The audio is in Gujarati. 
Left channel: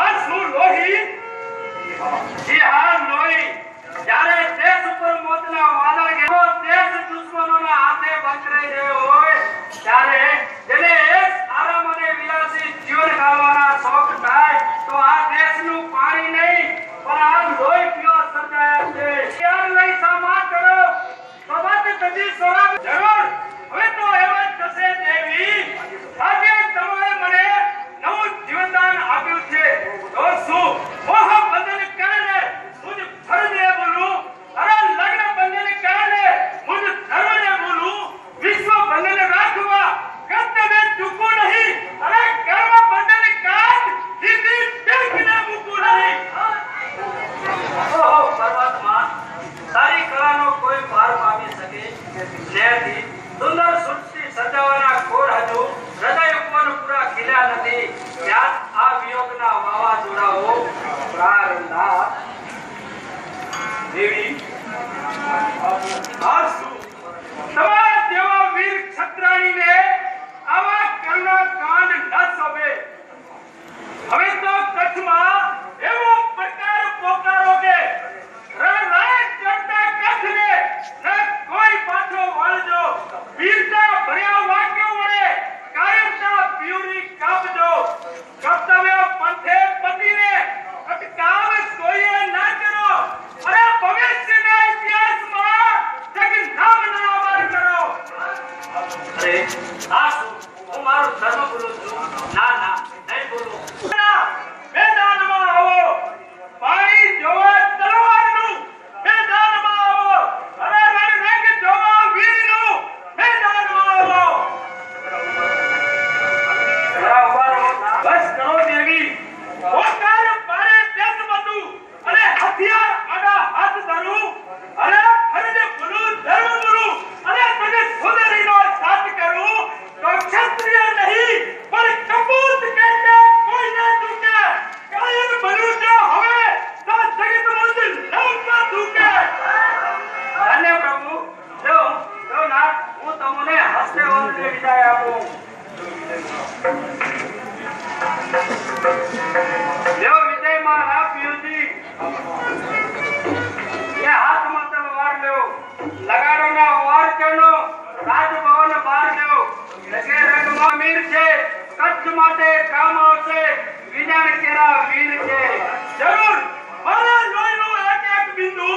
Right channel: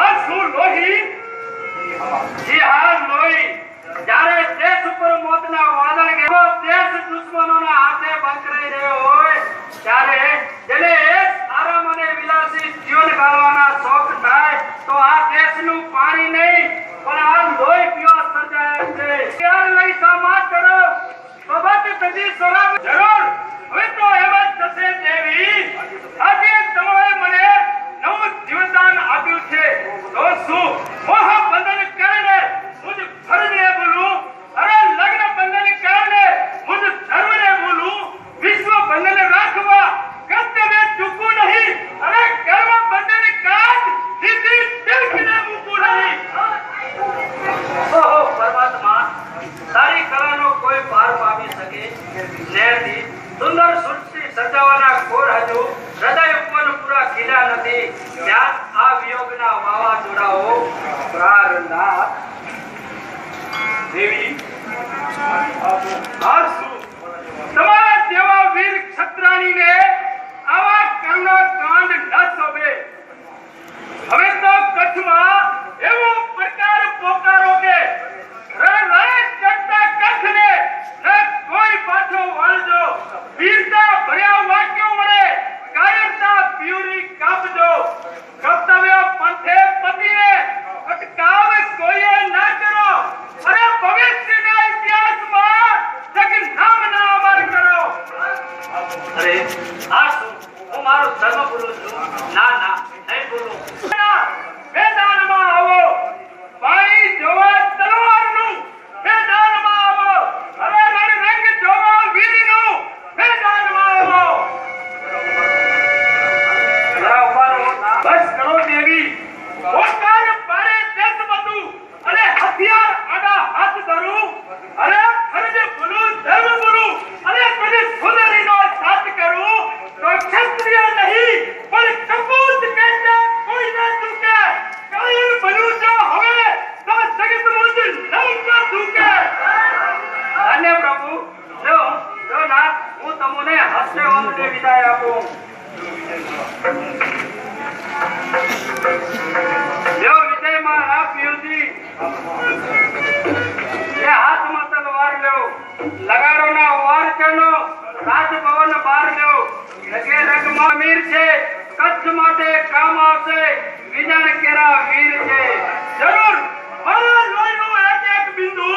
આ શું લોહી? જી હા લોહી. જ્યારે દેશ ઉપર મોતના વાદળ ગયો, દેશ દુશ્મનોના હાથે બંધરાઈ રહ્યો હોય ત્યારે જેને એક આરામ અને વિલાસી જીવન ગાળવાના શોખ થાય તો આ દેશનું પાણી નહીં પણ આ લોહી પીવા સર્જાય છે. યાર લઈ સામા કરો સબત સજી સરાબ જરૂર. હવે તો એમ જ થશે દેવી, આજે તમે મને નવું જીવનદાન આપ્યું છે તો શું મોહ બંધન કરીને મુજ ફરજે બોલું, અરે લગ્ન બંધન કરીને મુજ ધર્મને બોલું, વિશ્વ બંધન રાખવા કર્તવ્ય ચૂકવું નહીં, અરે કર્મ બંધન કાજ દીદી દેખને મૂકવું નહીં. ઓહો પરમાત્મા, તારી કળાનો કોઈ પાર પામી શકે નથી. સુંદર સૃષ્ટિ સજાવવાના કોર હજુ હૃદય ઉપર પૂરા ખીલ્યા નથી ત્યાં આ વિયોગના વાવાઝોડાઓ પ્રારંભ. દેવી આ શું તમારા જેવા વીર ક્ષત્રાણીને આવા કર્મનો કાંડ ન શોભે. હવે તો કચ્છમાં એવો પ્રકાર પોકારો કે રણરાય ચડતા કચ્છને ન કોઈ પાછો વાળજો. વીરતા ભર્યા વાક્યો વડે કાયરતા પ્યુરી કાપજો. કર્તવ્ય પંથે પતિને અટકાવ કોઈએ ન કરો. અરે ભવિષ્યના ઇતિહાસમાં જગનામ ના અમર કરો. અરે આ શું, હું મારો ધર્મ બોલું છું? ના ના નહીં બોલું. મેદાનમાં આવો, પાણી જોવા તલવારનું મેદાનમાં આવો, અરે રંગ જોવા વીરનું મેદાનમાં આવો. બસ કરો દેવી, ઓકાર પારે દેશ બધું અને હથિયાર આડા હાથ ધરું, અરે ખરીદ બોલું ધર્મ બોલું અને તને સુંદરીનો સાથ કરું તો ક્ષત્રિય નહીં પણ કપૂત કહેતે કોઈ ન ચૂકે. કાયર બનું જો હવે તો જગત મુજ નવકા ચૂકે. અને પ્રભુ જો ના હું તમને હસ્તે વંદને વિદાય આપું. દેવ વિજયમાં રાપ્યુજી એ હાથમાં તલવાર લ્યો, લગાડોના વાર કરનો રાજભવન બાર લ્યો. લગે રગમાં મીર છે, કચ્છ માટે કામ આવશે, વિજાણ કેરા વીર છે.